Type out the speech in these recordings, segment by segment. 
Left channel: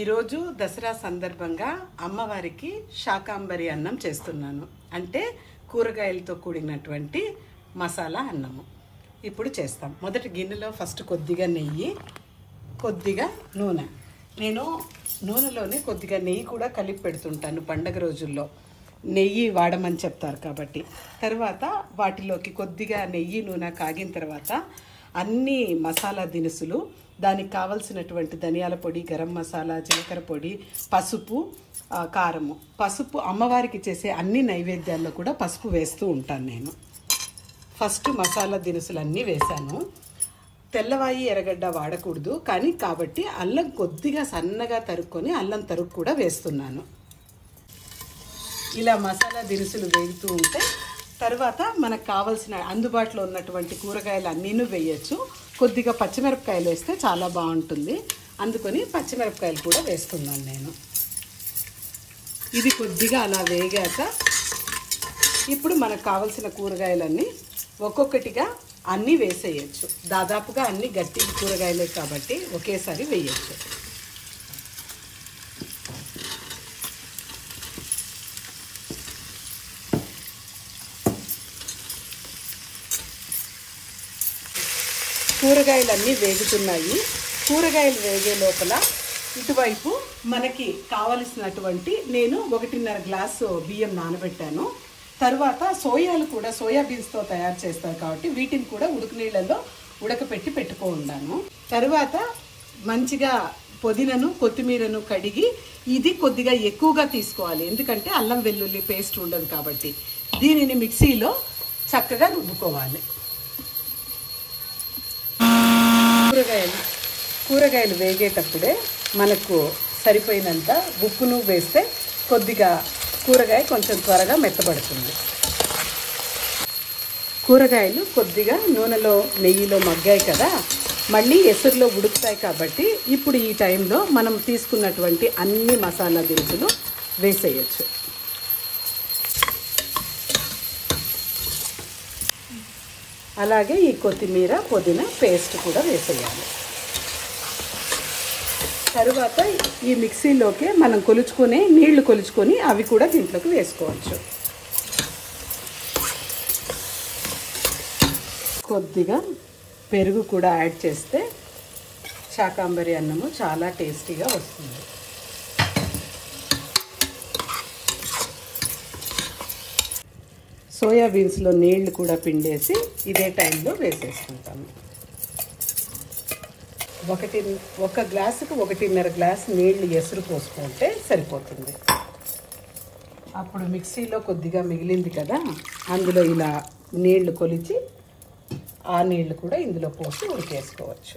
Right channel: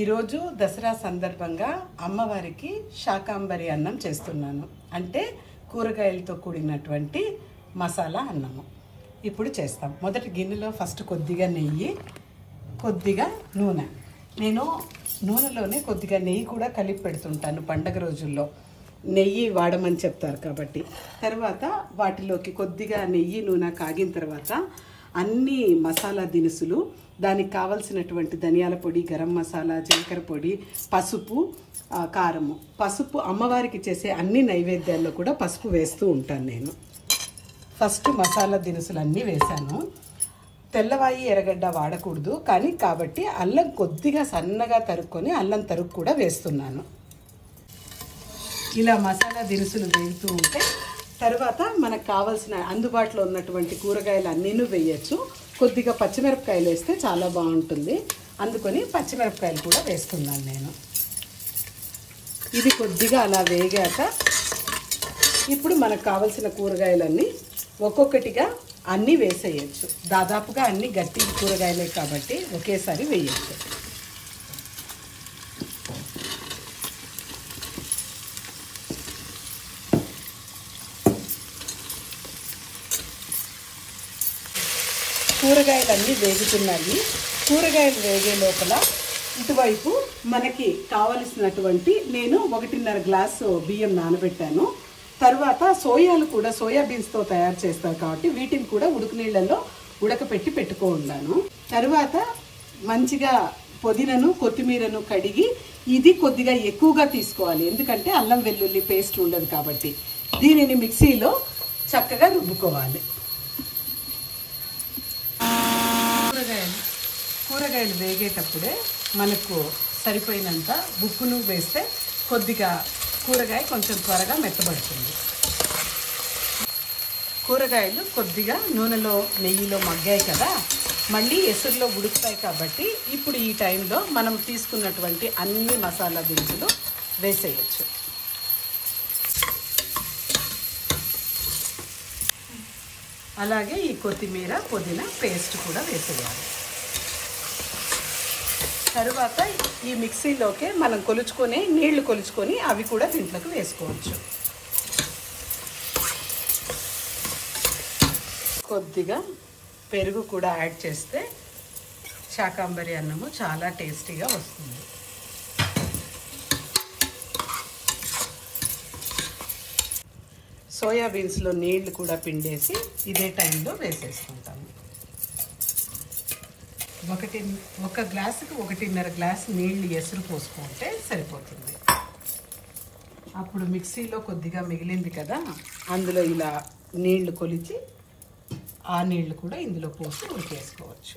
ఈరోజు దసరా సందర్భంగా అమ్మవారికి శాకాంబరి అన్నం చేస్తున్నాను. అంటే కూరగాయలతో కూడినటువంటి మసాలా అన్నము. ఇప్పుడు చేస్తాం. మొదటి గిన్నెలో ఫస్ట్ కొద్దిగా నెయ్యి, కొద్దిగా నూనె. నేను నూనెలోనే కొద్దిగా నెయ్యి కూడా కలిపి పెడుతుంటాను పండగ రోజుల్లో. నెయ్యి వాడమని చెప్తారు కాబట్టి. తర్వాత వాటిలోకి కొద్దిగా నెయ్యి నూనె కాగిన తర్వాత అన్ని మసాలా దినుసులు, దానికి కావలసినటువంటి ధనియాల పొడి, గరం మసాలా, జీలకర్ర పొడి, పసుపు, కారము. పసుపు అమ్మవారికి చేసే అన్ని నైవేద్యాల్లో కూడా పసుపు వేస్తూ ఉంటాను నేను. ఫస్ట్ మసాలా దినుసులు అన్నీ వేసాను. తెల్లవాయి ఎర్రగడ్డ వాడకూడదు కానీ కాబట్టి అల్లం కొద్దిగా సన్నగా తరుక్కొని అల్లం తరుగు కూడా వేస్తున్నాను. ఇలా మసాలా దినుసులు వేగుతూ ఉంటే తర్వాత మనకు కావలసిన అందుబాటులో ఉన్నటువంటి కూరగాయలు అన్నీను వేయచ్చు. కొద్దిగా పచ్చిమిరపకాయలు వేస్తే చాలా బాగుంటుంది. అందుకని పచ్చిమిరపకాయలు కూడా వేస్తున్నాను నేను. ఇది కొద్దిగా అలా వేగాక ఇప్పుడు మనకు కావలసిన కూరగాయలన్నీ ఒక్కొక్కటిగా అన్నీ వేసేయచ్చు. దాదాపుగా అన్ని గట్టి కూరగాయలే కాబట్టి ఒకేసారి వేయచ్చు. కూరగాయలన్నీ వేగుతున్నాయి. కూరగాయలు వేగే లోపల ఇటువైపు మనకి కావలసినటువంటి నేను 1.5 గ్లాసు బియ్యం నానబెట్టాను. తర్వాత సోయాలు కూడా సోయాబీన్స్తో తయారు చేస్తారు కాబట్టి వీటిని కూడా ఉడుకు నీళ్ళలో ఉడకపెట్టి పెట్టుకున్నాను. తర్వాత మంచిగా పుదీనాను, కొత్తిమీరను కడిగి ఇది కొద్దిగా ఎక్కువగా తీసుకోవాలి. ఎందుకంటే అల్లం వెల్లుల్లి పేస్ట్ ఉండదు కాబట్టి దీనిని మిక్సీలో చక్కగా రుబ్బుకోవాలి. కూరగాయలు వేగేటప్పుడే మనకు సరిపోయినంత ఉప్పును వేస్తే కొద్దిగా కూరగాయ కొంచెం త్వరగా మెత్తబడుతుంది. కూరగాయలు కొద్దిగా నూనెలో నెయ్యిలో మగ్గాయి కదా, మళ్ళీ ఎసురులో ఉడుకుతాయి కాబట్టి ఇప్పుడు ఈ టైంలో మనం తీసుకున్నటువంటి అన్ని మసాలా దినుసులు వేసేయచ్చు. అలాగే ఈ కొత్తిమీర, పుదీనా పేస్ట్ కూడా వేసేయాలి. తరువాత ఈ మిక్సీలోకి మనం కొలుచుకుని నీళ్లు కొలుచుకొని అవి కూడా దీంట్లోకి వేసుకోవచ్చు. కొద్దిగా పెరుగు కూడా యాడ్ చేస్తే శాకాంబరి అన్నము చాలా టేస్టీగా వస్తుంది. సోయాబీన్స్లో నీళ్లు కూడా పిండేసి ఇదే టైంలో వేసేసుకుంటాను. ఒక గ్లాసుకి 1.5 గ్లాసు నీళ్లు ఎసురు పోసుకుంటే సరిపోతుంది. అప్పుడు మిక్సీలో కొద్దిగా మిగిలింది కదా, అందులో ఇలా నీళ్లు కొలిచి ఆ నీళ్లు కూడా ఇందులో పోసి ఉడికేసుకోవచ్చు.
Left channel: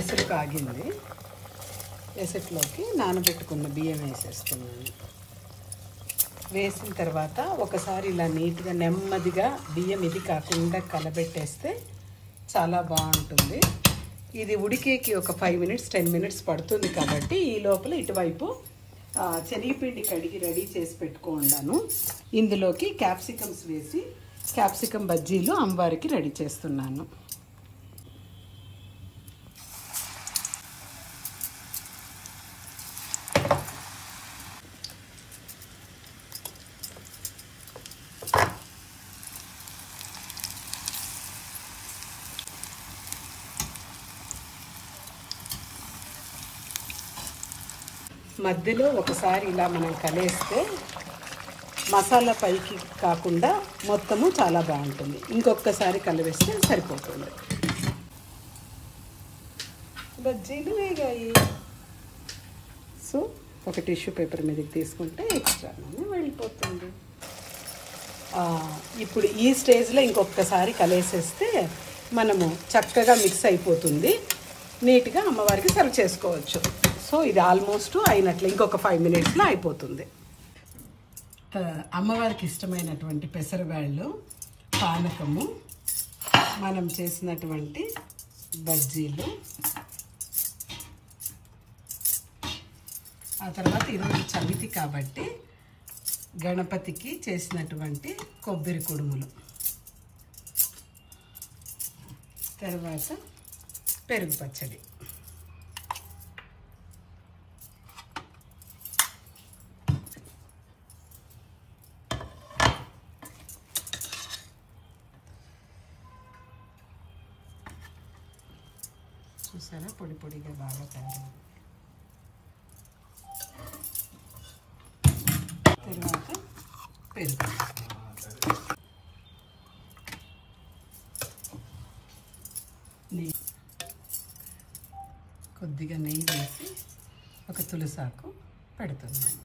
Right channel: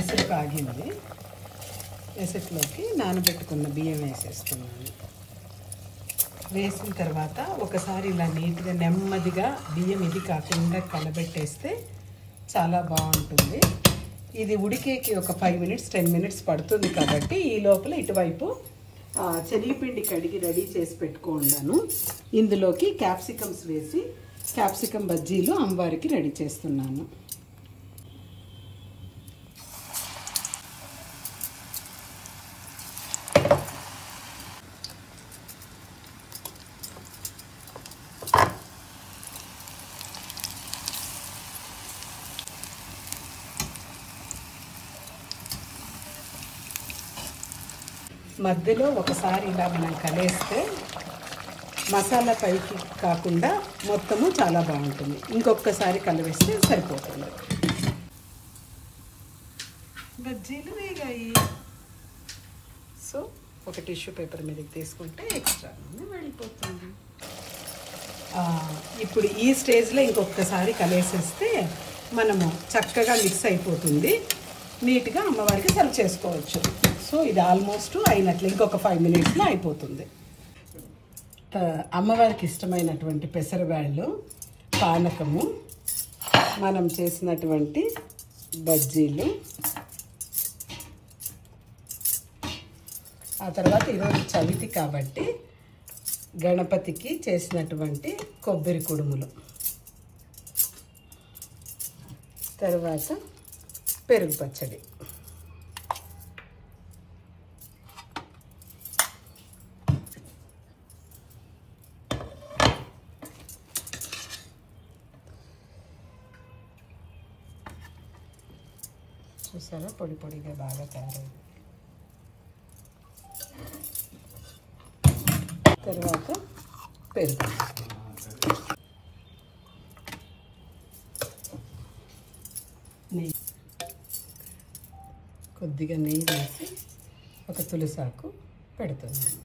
ఎసురు కాగింది. ఎసురులోకి నానబెట్టుకున్న బియ్యం వేసేసుకున్నాను. వేసిన తర్వాత ఒకసారి ఇలా నీట్గా నెమ్మదిగా బియ్యం ఇది కాకుండా కలబెట్టేస్తే చాలా బాగుంటుంది. ఇది ఉడికేకి ఒక 5 మినిట్స్ 10 మినిట్స్ పడుతుంది కాబట్టి ఈ లోపల ఇటువైపు శనగపిండి కడిగి రెడీ చేసి పెట్టుకున్నాను. ఇందులోకి క్యాప్సికమ్స్ వేసి క్యాప్సికమ్ బజ్జీలు అమ్మవారికి రెడీ చేస్తున్నాను. మధ్యలో ఒకసారి ఇలా మనం కలిస్తే మసాలా పైకి కాకుండా మొత్తము చాలా బాగుంటుంది. ఇంకొకసారి కలివేస్తే సరిపోతుంది. బజ్జీలు వేగాయి. సో ఒక టిష్యూ పేపర్ మీదకి తీసుకుంటే ఎక్స్ట్రా వెళ్ళిపోతుంది. ఇప్పుడు ఈ స్టేజ్లో ఇంకొకసారి కలిసేస్తే మనము చక్కగా మిక్స్ అయిపోతుంది. నీట్గా అమ్మవారికి సర్వ్ చేసుకోవచ్చు. సో ఇది ఆల్మోస్ట్ అయినట్లు. ఇంకొక 5 మినిట్స్లో అయిపోతుంది. అమ్మవారికి ఇష్టమైనటువంటి పెసరబ్యాళ్ళు, పానకము, మనం చేసినటువంటి బజ్జీలు, ఆ తర్వాత ఈరోజు చవితి కాబట్టి గణపతికి చేసినటువంటి కొబ్బరి కుడుములు, తర్వాత పెరుగు పచ్చడి. చూసారా పొడి పొడిగా బాగా తయారైంది. తర్వాత పెరుగు, నెయ్యి, కొద్దిగా నెయ్యి వేసి ఒక తులసాకు పెడుతున్నాను.